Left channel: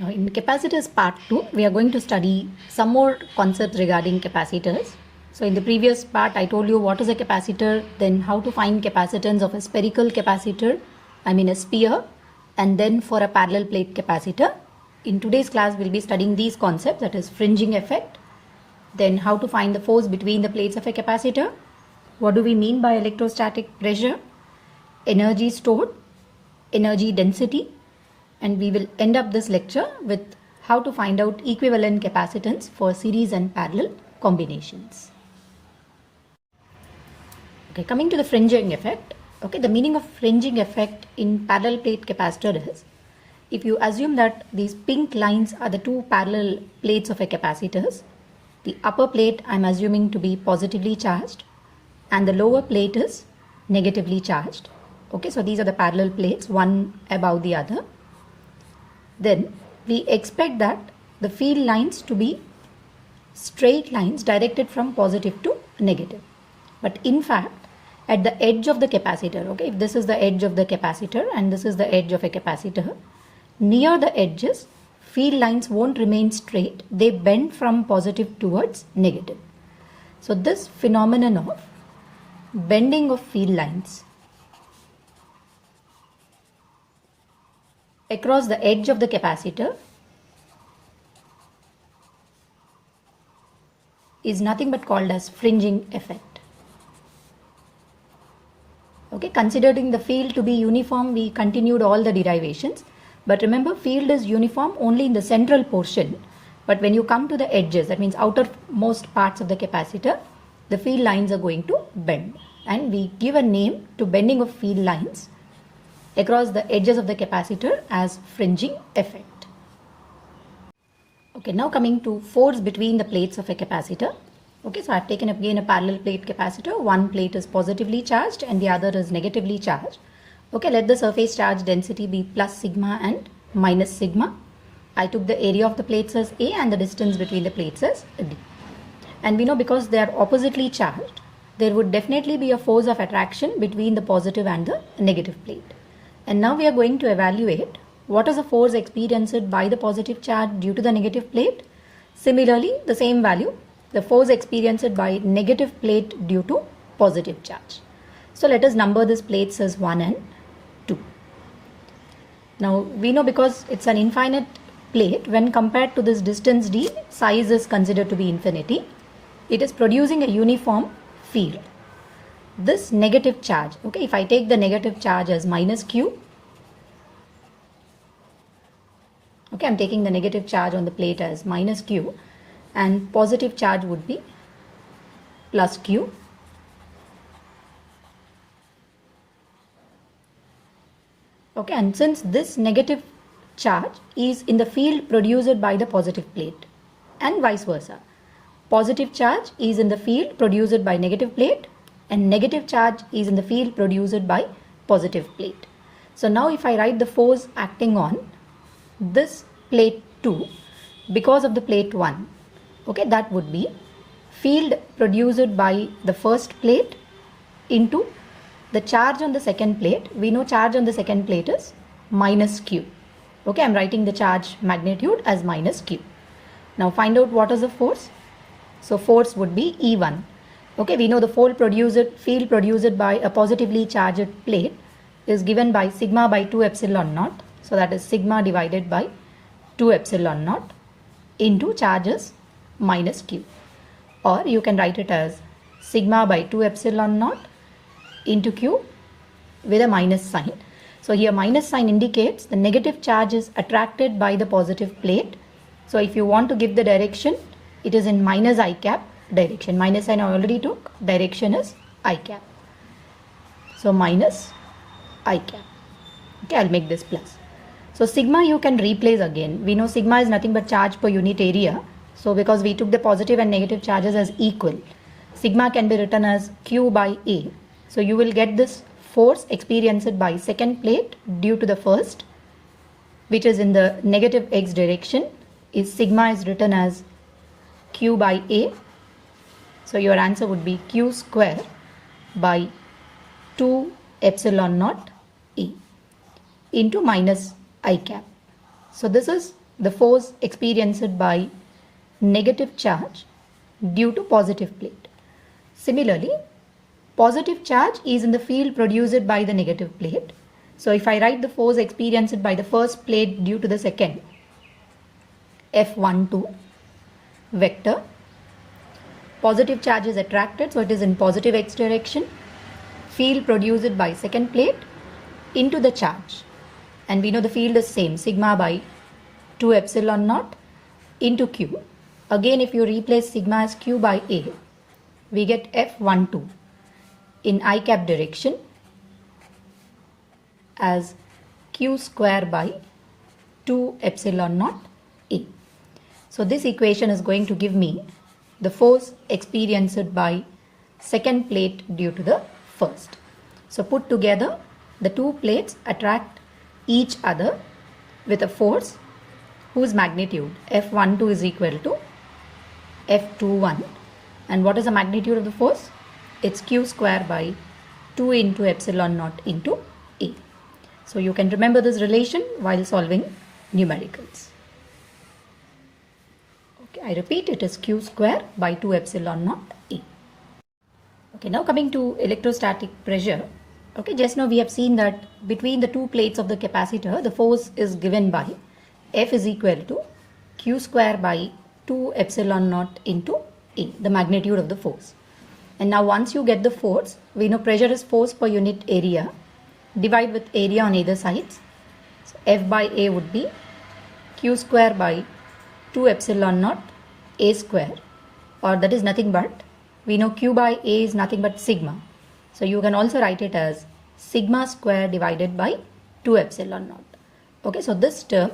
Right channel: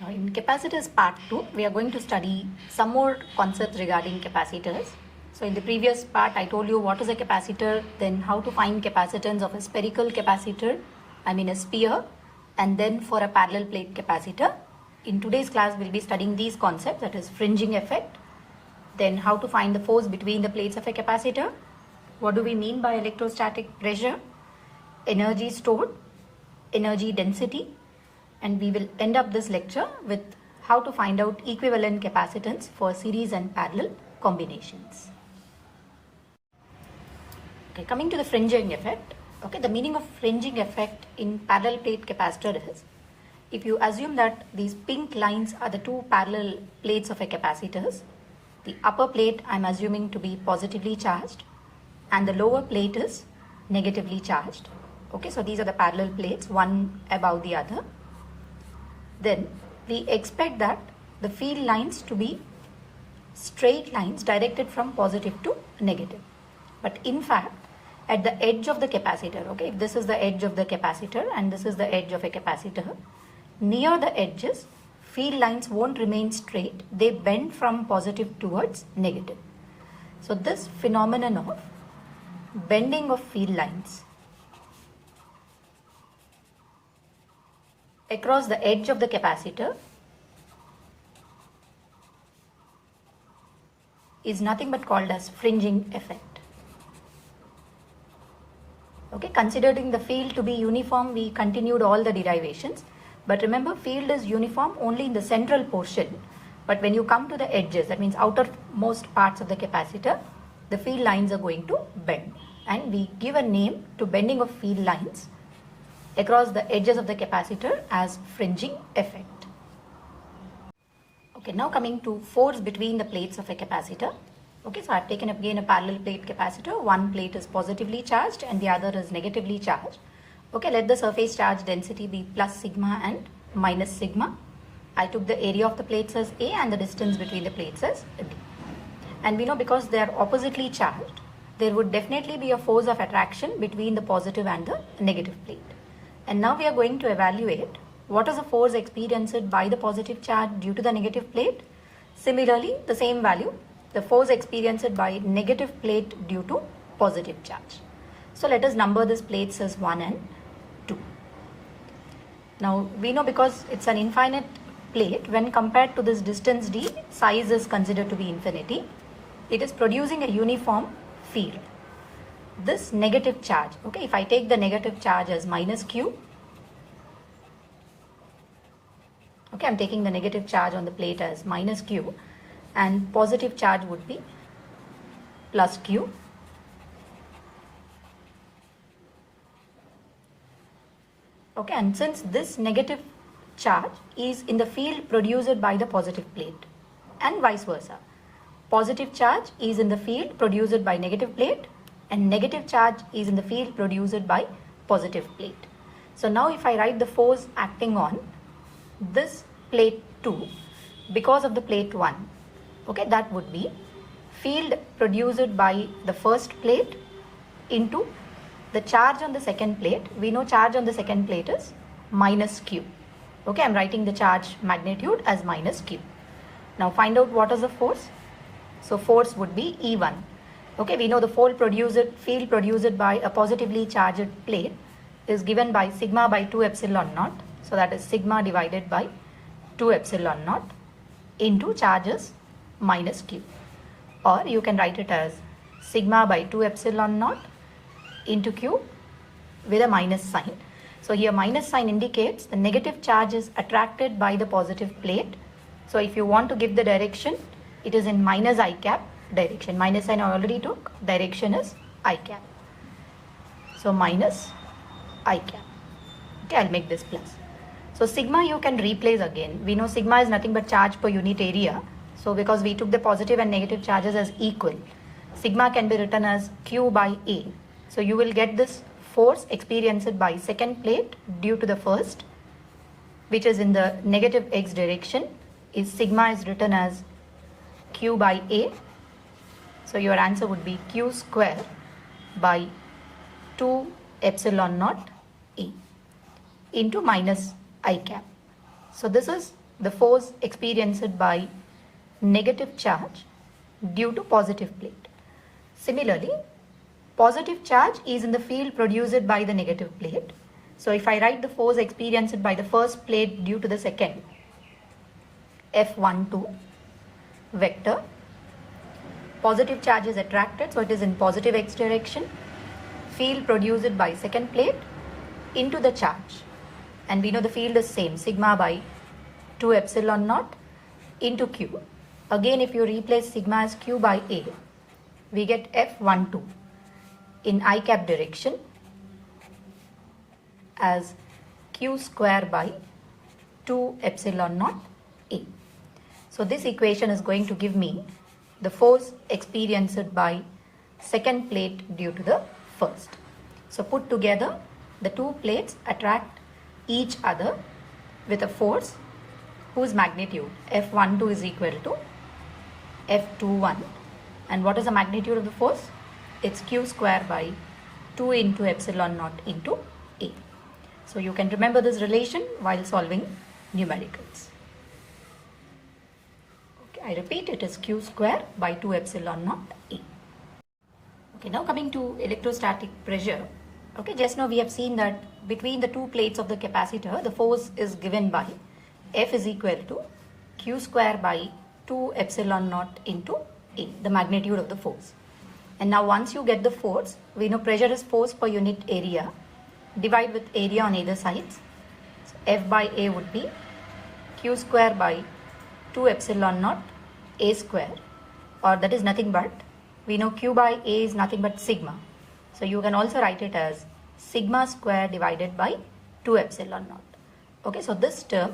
Now in capacitors part 2, we are going to study some more concepts regarding capacitors. So in the previous part, I told you what is a capacitor, then how to find capacitance of a spherical capacitor, a sphere, and then for a parallel plate capacitor. In today's class, we'll be studying these concepts, that is fringing effect, then how to find the force between the plates of a capacitor, what do we mean by electrostatic pressure, energy stored, energy density, and we will end up this lecture with how to find out equivalent capacitance for series and parallel combinations. Okay, coming to the fringing effect. Okay, the meaning of fringing effect in parallel plate capacitor is, if you assume that these pink lines are the two parallel plates of a capacitors, the upper plate I am assuming to be positively charged and the lower plate is negatively charged. Okay, so these are the parallel plates, one above the other. Then we expect that the field lines to be straight lines directed from positive to negative. But in fact, at the edge of the capacitor, okay, if this is the edge of the capacitor and this is the edge of a capacitor, near the edges, field lines won't remain straight. They bend from positive towards negative. So this phenomenon of bending of field lines across the edge of the capacitor is nothing but called as fringing effect. Okay, considering the field to be uniform, we continued all the derivations. But remember, field is uniform only in the central portion. But when you come to the edges, that means outermost parts of the capacitor, the field lines are going to bend. And we give a name to bending of field lines across the edges of the capacitor as fringing effect. Okay, now coming to force between the plates of a capacitor. Okay, so I have taken again a parallel plate capacitor. One plate is positively charged and the other is negatively charged. Okay, let the surface charge density be plus sigma and minus sigma. I took the area of the plates as A and the distance between the plates as D. And we know because they are oppositely charged, there would definitely be a force of attraction between the positive and the negative plate. And now we are going to evaluate what is the force experienced by the positive charge due to the negative plate. Similarly, the same value, the force experienced by negative plate due to positive charge. So let us number these plates as 1 and 2. Now we know because it's an infinite plate, when compared to this distance d, size is considered to be infinity. It is producing a uniform field. This negative charge, okay, if I take the negative charge as minus q, okay, I'm taking the negative charge on the plate as minus q and positive charge would be plus q. Okay, and since this negative charge is in the field produced by the positive plate and vice versa, positive charge is in the field produced by negative plate and negative charge is in the field produced by positive plate. So now if I write the force acting on this plate 2 because of the plate 1, okay, that would be field produced by the first plate into the charge on the second plate. We know charge on the second plate is minus q. Okay, I'm writing the charge magnitude as minus q. Now find out what is the force. So force would be E1. Okay, we know the field produced by a positively charged plate is given by sigma by 2 epsilon naught. So that is sigma divided by 2 epsilon naught into charges minus q. Or you can write it as sigma by 2 epsilon naught into q with a minus sign. So here minus sign indicates the negative charge is attracted by the positive plate. So if you want to give the direction, it is in minus I cap direction. Minus sign I already took, direction is I cap. So minus I cap. Okay, I'll make this plus. So sigma you can replace again. We know sigma is nothing but charge per unit area. So because we took the positive and negative charges as equal, sigma can be written as q by A. So you will get this force experienced by second plate due to the first, which is in the negative x direction, is sigma is written as q by A. So your answer would be q square by 2 epsilon naught A into minus I cap. So this is the force experienced by negative charge due to positive plate. Similarly, positive charge is in the field produced by the negative plate. So if I write the force experienced by the first plate due to the second, F12 vector, positive charge is attracted, so it is in positive x direction, field produced by second plate into the charge, and we know the field is same, sigma by 2 epsilon naught into q. Again, if you replace sigma as q by a, we get F12 in I cap direction as q square by 2 epsilon naught a. So this equation is going to give me the force experienced by second plate due to the first. So put together, the two plates attract each other with a force whose magnitude F12 is equal to F21. And what is the magnitude of the force? It's q square by 2 into epsilon naught into a. So you can remember this relation while solving numericals. Okay, I repeat, it is q square by 2 epsilon naught a. Okay, now coming to electrostatic pressure. Okay, just now we have seen that between the two plates of the capacitor, the force is given by F is equal to q square by 2 epsilon naught into a, the magnitude of the force. And now once you get the force, we know pressure is force per unit area. Divide with area on either sides. So F by A would be q square by 2 epsilon naught a square, or that is nothing but, we know q by a is nothing but sigma. So you can also write it as sigma square divided by 2 epsilon naught. Okay, so this term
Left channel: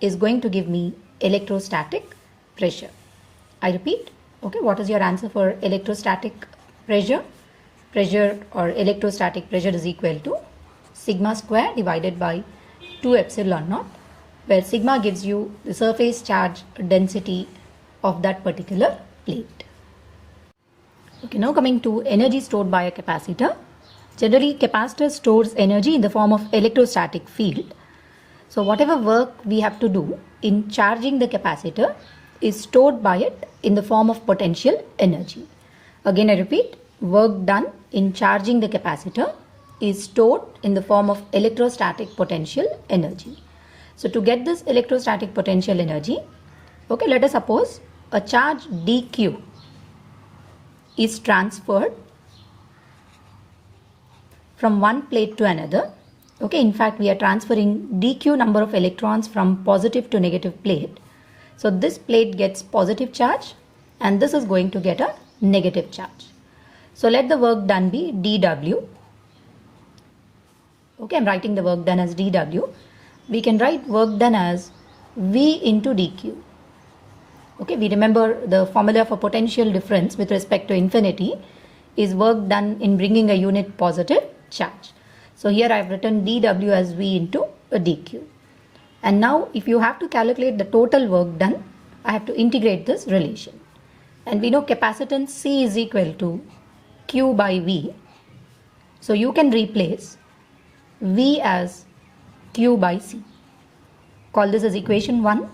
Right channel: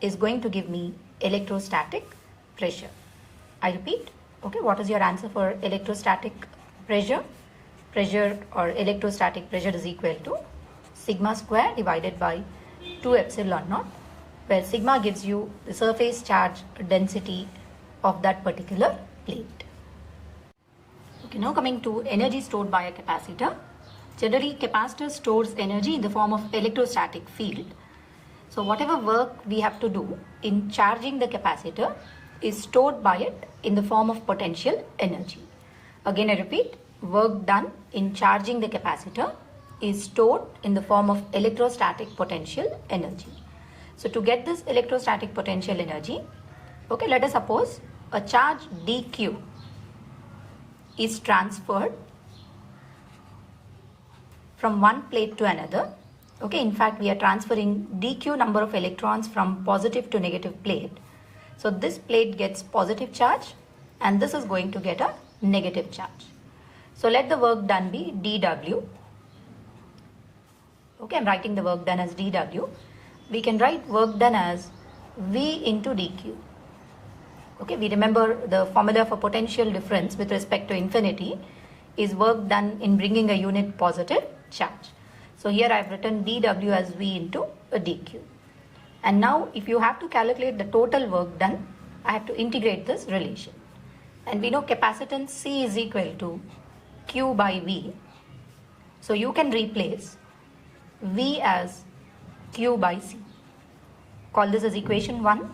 is going to give me electrostatic pressure. I repeat, okay, what is your answer for electrostatic pressure? Pressure or electrostatic pressure is equal to sigma square divided by 2 epsilon naught, where sigma gives you the surface charge density of that particular plate. Okay, now coming to energy stored by a capacitor. Generally, capacitor stores energy in the form of electrostatic field. So whatever work we have to do in charging the capacitor is stored by it in the form of potential energy. Again, I repeat, work done in charging the capacitor is stored in the form of electrostatic potential energy. So to get this electrostatic potential energy, okay, let us suppose a charge dq is transferred from one plate to another. Okay, in fact, we are transferring dq number of electrons from positive to negative plate. So this plate gets positive charge and this is going to get a negative charge. So let the work done be dw. Okay, I'm writing the work done as dw. We can write work done as V into dq. Okay, we remember the formula for potential difference with respect to infinity is work done in bringing a unit positive charge. So here I have written dw as V into a dq. And now if you have to calculate the total work done, I have to integrate this relation. And we know capacitance C is equal to Q by V. So you can replace V as Q by C. Call this as equation 1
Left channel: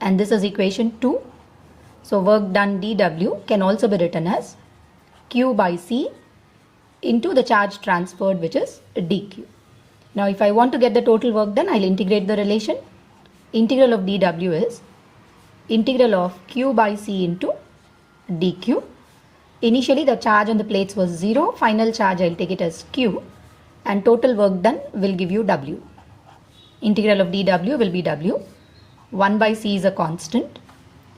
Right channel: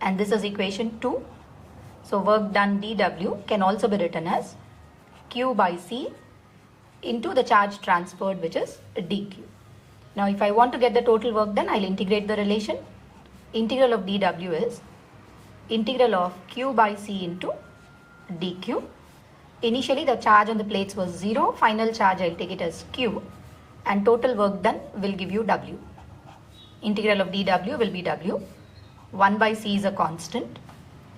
and this is equation 2. So work done dw can also be written as Q by C into the charge transferred, which is dq. Now if I want to get the total work done, I'll integrate the relation. Integral of dw is integral of Q by C into dq. Initially the charge on the plates was 0. Final charge I'll take it as Q and total work done will give you W. Integral of dw will be W. 1 by C is a constant.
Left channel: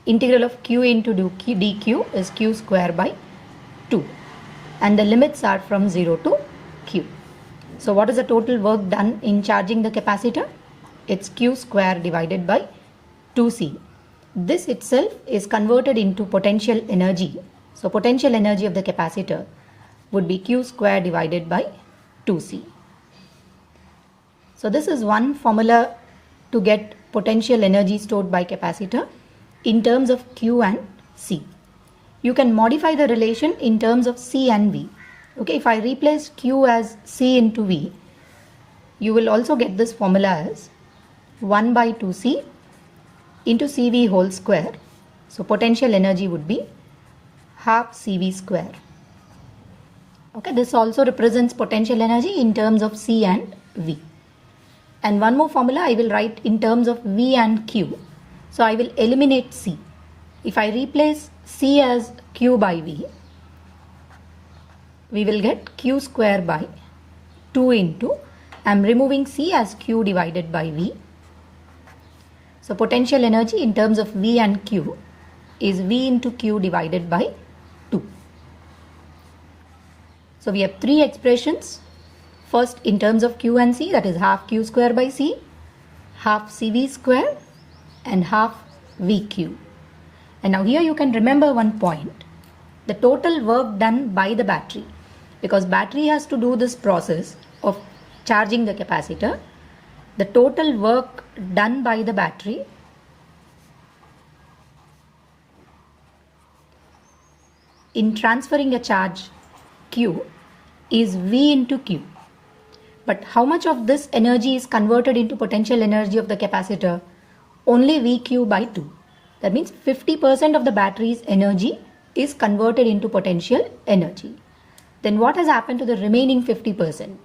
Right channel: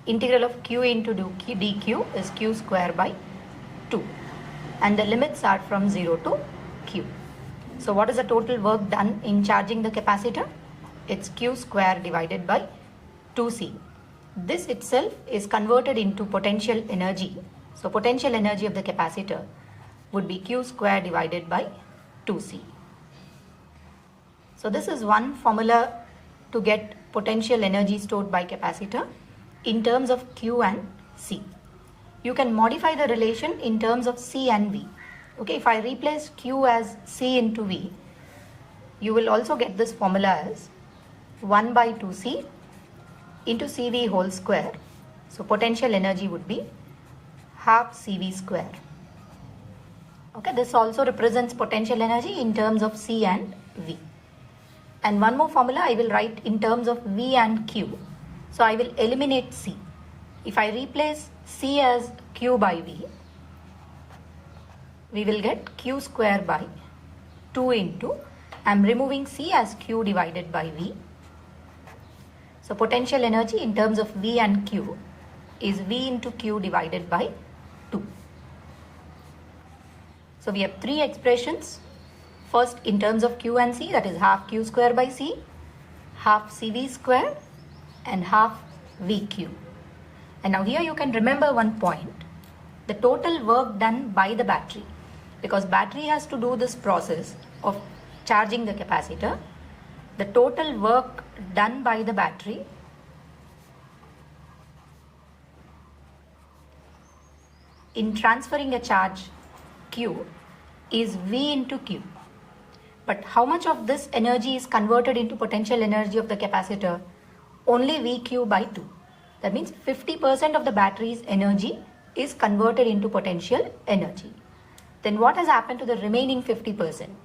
Integral of Q into dq is Q square by 2. And the limits are from 0 to Q. So what is the total work done in charging the capacitor? It's Q square divided by 2C. This itself is converted into potential energy. So potential energy of the capacitor would be Q square divided by 2C. So this is one formula to get potential energy stored by capacitor in terms of Q and C. You can modify the relation in terms of C and V. Okay, if I replace Q as C into V, you will also get this formula as 1 by 2C into CV whole square. So potential energy would be half CV square. Okay, this also represents potential energy in terms of C and V. And one more formula I will write in terms of V and Q. So I will eliminate C. If I replace C as Q by V, we will get Q square by 2 into, I am removing C as Q divided by V. So potential energy in terms of V and Q is V into Q divided by 2. So we have three expressions. First in terms of Q and C, that is half Q square by C, half CV square and half VQ. And now here you can remember one point, the total work done by the battery, because battery has to do this process of charging the capacitor. The total work done by the battery in transferring a charge Q is V into Q. But how much of this energy is converted into potential energy of the capacitor? Only VQ by 2. That means 50% of the battery's energy is converted into potential energy. Then what has happened to the remaining 50%?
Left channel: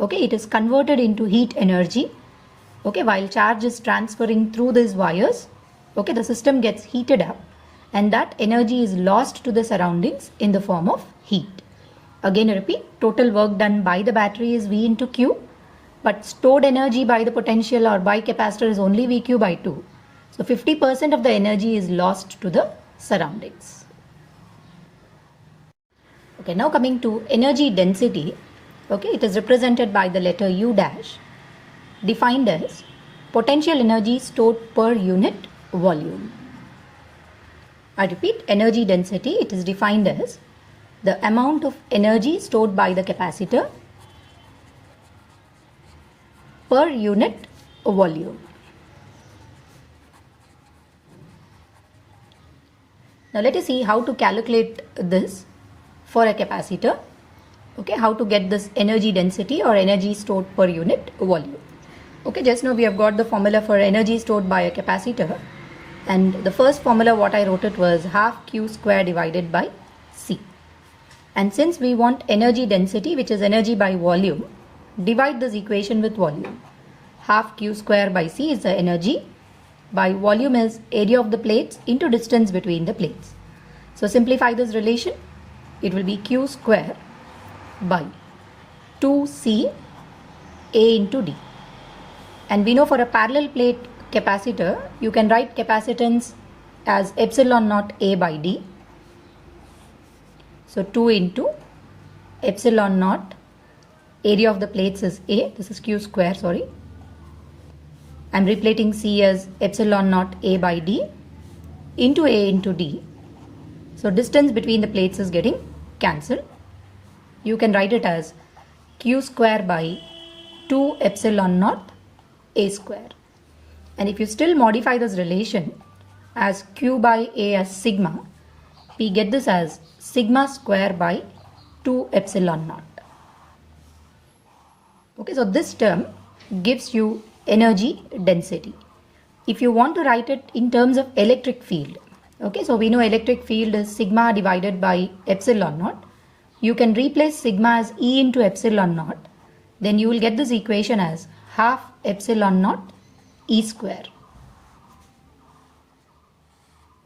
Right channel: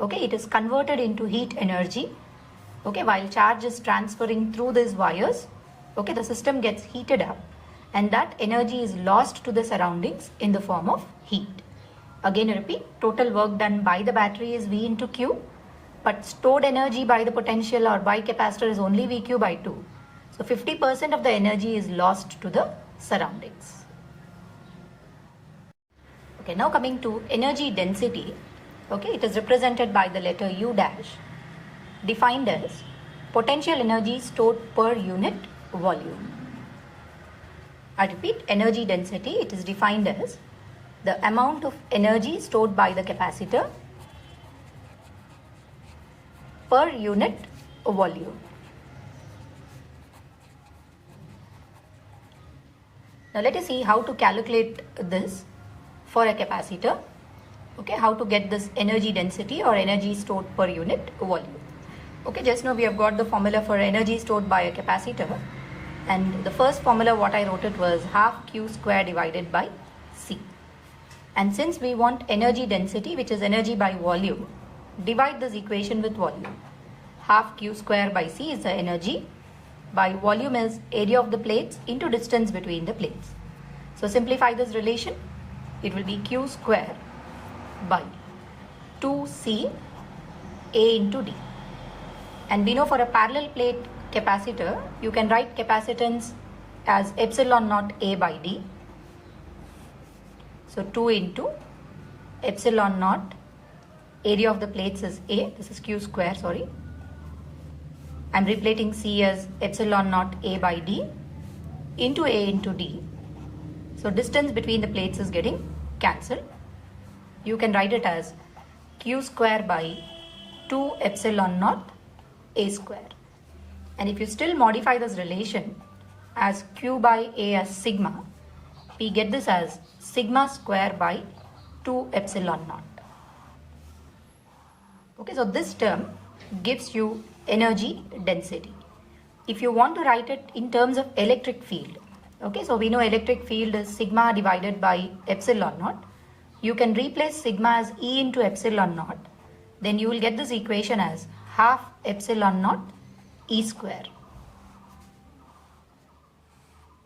Okay, it is converted into heat energy. Okay, while charge is transferring through these wires, okay, the system gets heated up and that energy is lost to the surroundings in the form of heat. Again, I repeat, total work done by the battery is V into Q, but stored energy by the potential or by capacitor is only VQ by 2. So 50% of the energy is lost to the surroundings. Okay, now coming to energy density. Okay, it is represented by the letter U dash, defined as potential energy stored per unit volume. I repeat, energy density, it is defined as the amount of energy stored by the capacitor per unit volume. Now let us see how to calculate this for a capacitor. Okay, how to get this energy density or energy stored per unit volume. Okay, just now we have got the formula for energy stored by a capacitor, and the first formula what I wrote it was half Q square divided by C. And since we want energy density, which is energy by volume, divide this equation with volume. Half Q square by C is the energy, by volume is area of the plates into distance between the plates. So simplify this relation, it will be Q square by 2C A into D. And we know for a parallel plate capacitor, you can write capacitance as epsilon naught A by D. So 2 into epsilon naught, area of the plates is A, this is Q square, sorry. I am replacing C as epsilon naught A by D into A into D. So distance between the plates is getting cancelled. You can write it as Q square by 2 epsilon naught A square. And if you still modify this relation as Q by A as sigma, we get this as sigma square by 2 epsilon naught. Okay, so this term gives you energy density. If you want to write it in terms of electric field, okay, so we know electric field is sigma divided by epsilon naught. You can replace sigma as E into epsilon naught. Then you will get this equation as half epsilon naught E square.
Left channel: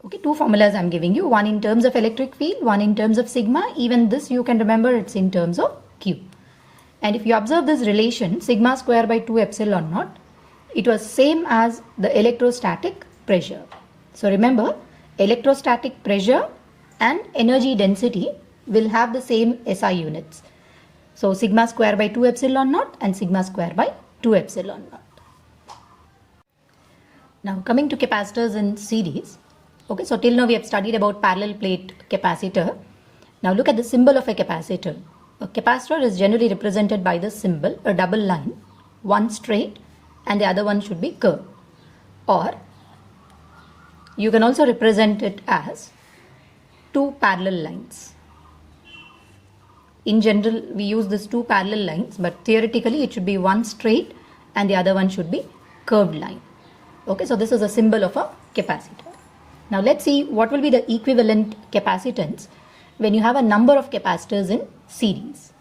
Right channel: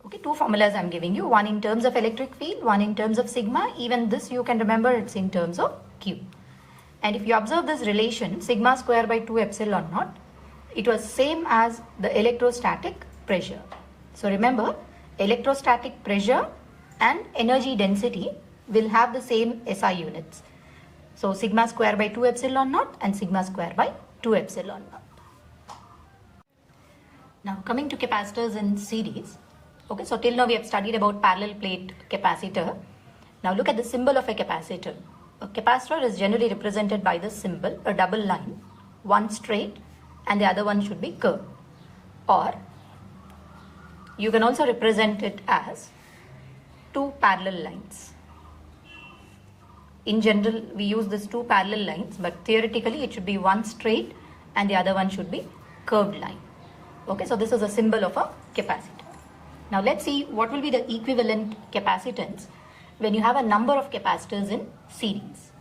Okay, two formulas I am giving you, one in terms of electric field, one in terms of sigma. Even this you can remember, it's in terms of Q. And if you observe this relation, sigma square by 2 epsilon naught, it was same as the electrostatic pressure. So remember, electrostatic pressure and energy density will have the same SI units. So sigma square by 2 epsilon naught and sigma square by 2 epsilon naught. Now coming to capacitors in series. Okay, so till now we have studied about parallel plate capacitor. Now look at the symbol of a capacitor. A capacitor is generally represented by the symbol, a double line, one straight and the other one should be curved. Or you can also represent it as two parallel lines. In general, we use these two parallel lines, but theoretically it should be one straight and the other one should be curved line. Okay, so this is a symbol of a capacitor. Now let's see what will be the equivalent capacitance when you have a number of capacitors in series.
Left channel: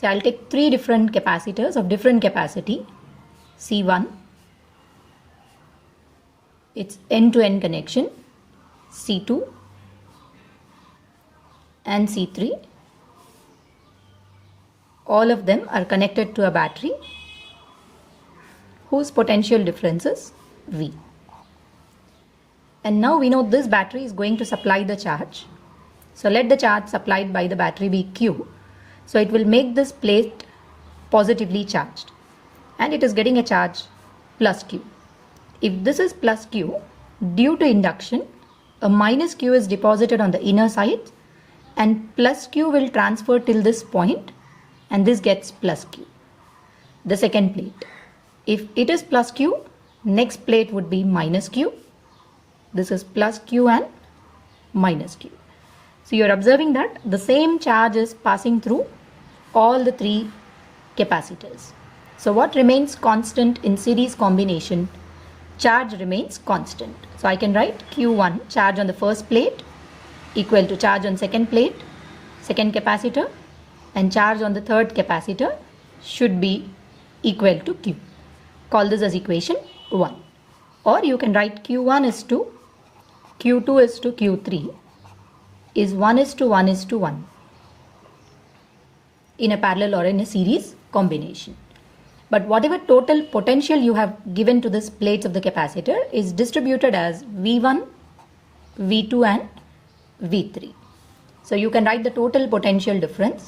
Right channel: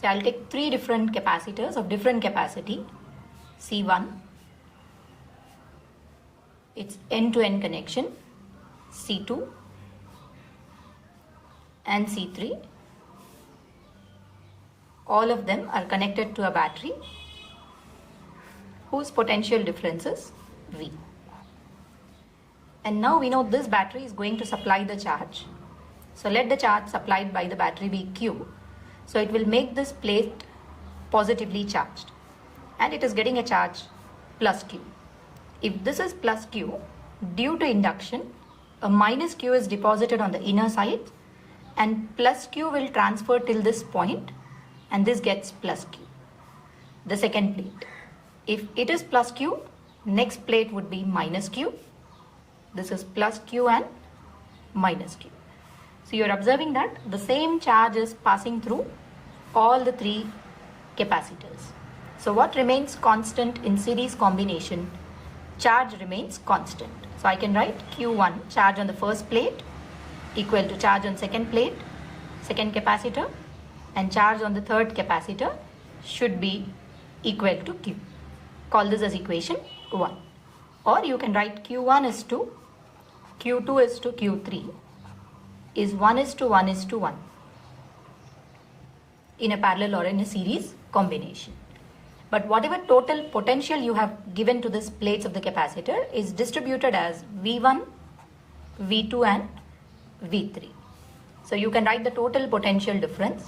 So I'll take three different capacitors of different capacity. C1, it's end-to-end connection. C2 and C3. All of them are connected to a battery whose potential difference is V. And now we know this battery is going to supply the charge. So let the charge supplied by the battery be Q. So it will make this plate positively charged. And it is getting a charge plus Q. If this is plus Q, due to induction, a minus Q is deposited on the inner side and plus Q will transfer till this point and this gets plus Q. The second plate. If it is plus Q, next plate would be minus Q. This is plus Q and minus Q. So you are observing that the same charge is passing through all the three capacitors. So what remains constant in series combination? Charge remains constant. So I can write Q1, charge on the first plate, equal to charge on second plate, second capacitor, and charge on the third capacitor should be equal to Q. Call this as equation 1. Or you can write Q1 is to Q2 is to Q3 is 1:1:1 in a parallel or in a series combination. But whatever total potential you have given to this plates of the capacitor is distributed as V1, V2 and V3. So you can write the total potential difference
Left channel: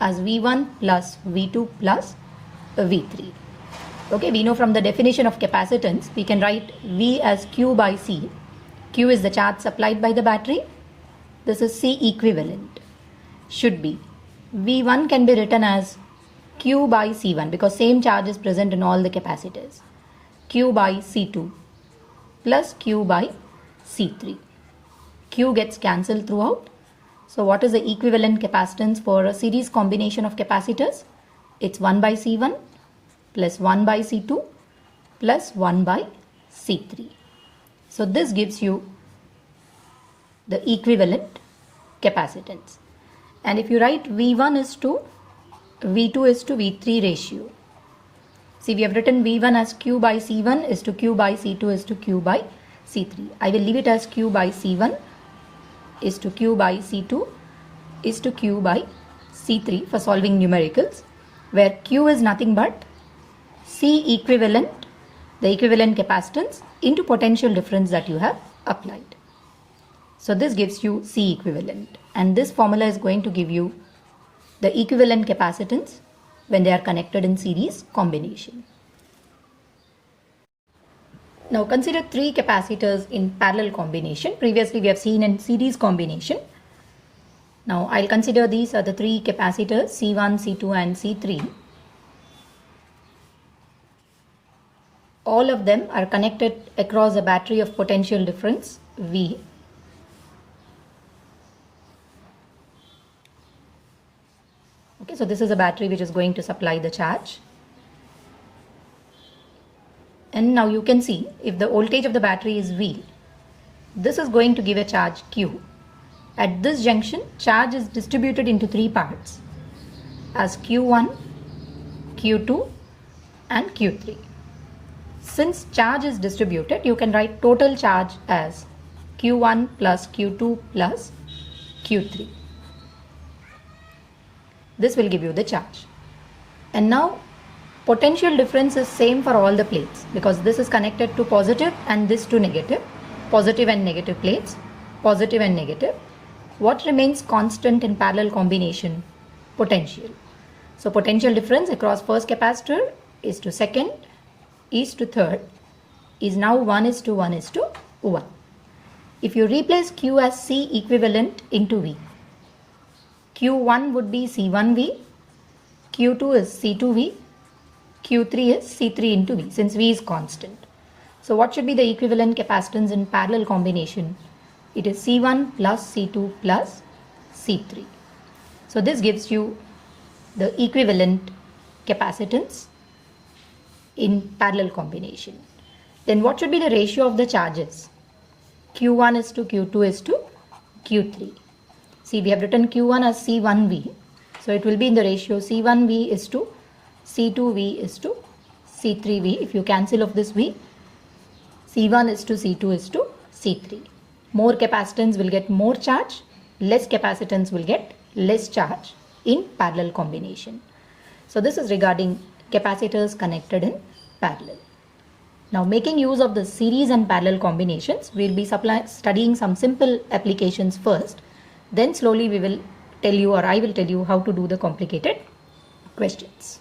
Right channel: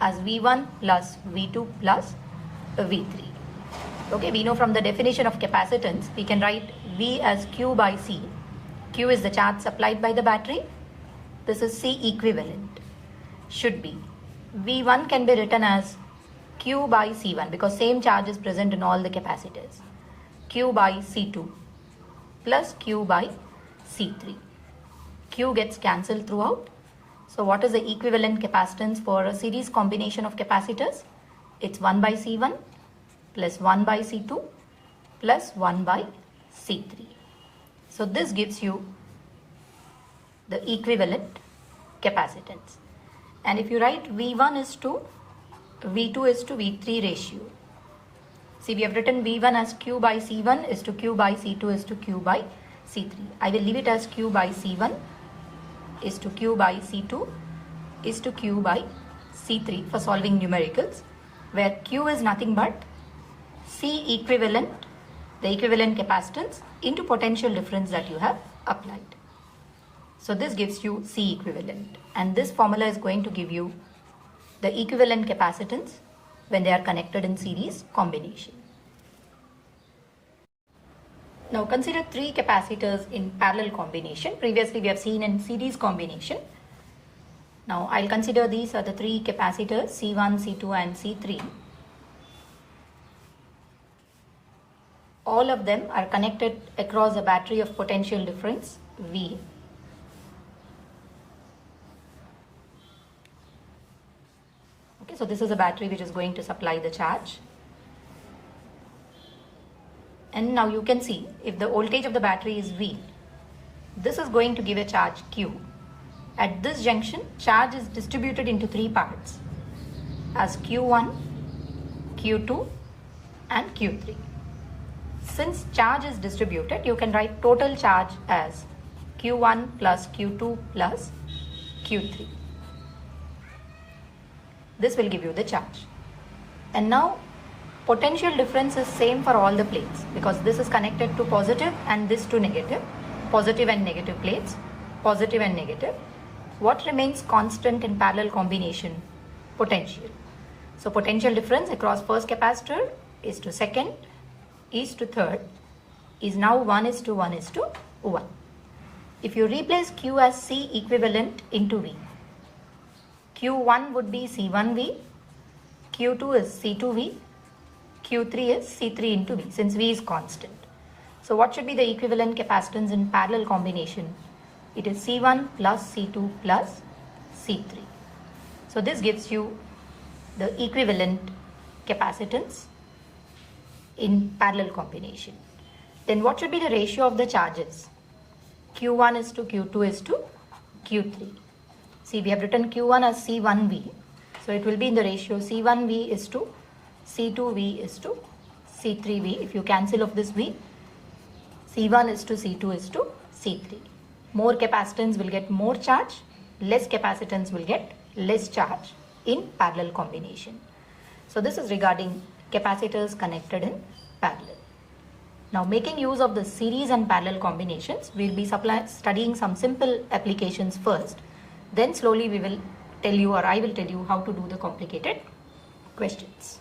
as V1 plus V2 plus V3. Okay, we know from the definition of capacitance, we can write V as Q by C. Q is the charge supplied by the battery. This is C equivalent. Should be. V1 can be written as Q by C1 because same charge is present in all the capacitors. Q by C2 plus Q by C3. Q gets cancelled throughout. So what is the equivalent capacitance for a series combination of capacitors? It's 1 by C1 plus 1 by C2 plus 1 by C3. So this gives you the equivalent capacitance. And if you write V1 is to V2 is to V3 ratio. See, we have written V1 as Q by C1 is to Q by C2 is to Q by C3. I will leave it as Q by C1 is to Q by C2 is to Q by C3 for solving numericals, where Q is nothing but C equivalent, the equivalent capacitance into potential difference that you have applied. So this gives you C equivalent, and this formula is going to give you the equivalent capacitance when they are connected in series combination. Now consider three capacitors in parallel combination. Previously we have seen in series combination. Now I'll consider these are the three capacitors C1, C2 and C3. All of them are connected across a battery of potential difference V. Okay, so this is a battery which is going to supply the charge. And now you can see if the voltage of the battery is V, this is going to give a charge Q. At this junction, charge is distributed into three parts as Q1, Q2 and Q3. Since charge is distributed, you can write total charge as Q1 plus Q2 plus Q3. This will give you the charge. And now potential difference is same for all the plates because this is connected to positive and this to negative. Positive and negative plates, positive and negative. What remains constant in parallel combination? Potential. So potential difference across first capacitor is to second, is to third, is now 1:1:1. If you replace Q as C equivalent into V, Q1 would be C1V, Q2 is C2V, Q3 is C3 into V since V is constant. So what should be the equivalent capacitance in parallel combination? It is C1 plus C2 plus C3. So this gives you the equivalent capacitance in parallel combination. then what should be the ratio of the charges? Q1 is to Q2 is to Q3. See, we have written Q1 as C1V. So it will be in the ratio C1V is to C2V is to C3V. If you cancel off this V, C1 is to C2 is to C3. More capacitance will get more charge, less capacitance will get less charge in parallel combination. So this is regarding capacitors connected in parallel. Now, making use of the series and parallel combinations, we will be studying some simple applications first. Then slowly we will tell you, or I will tell you, how to do the complicated questions.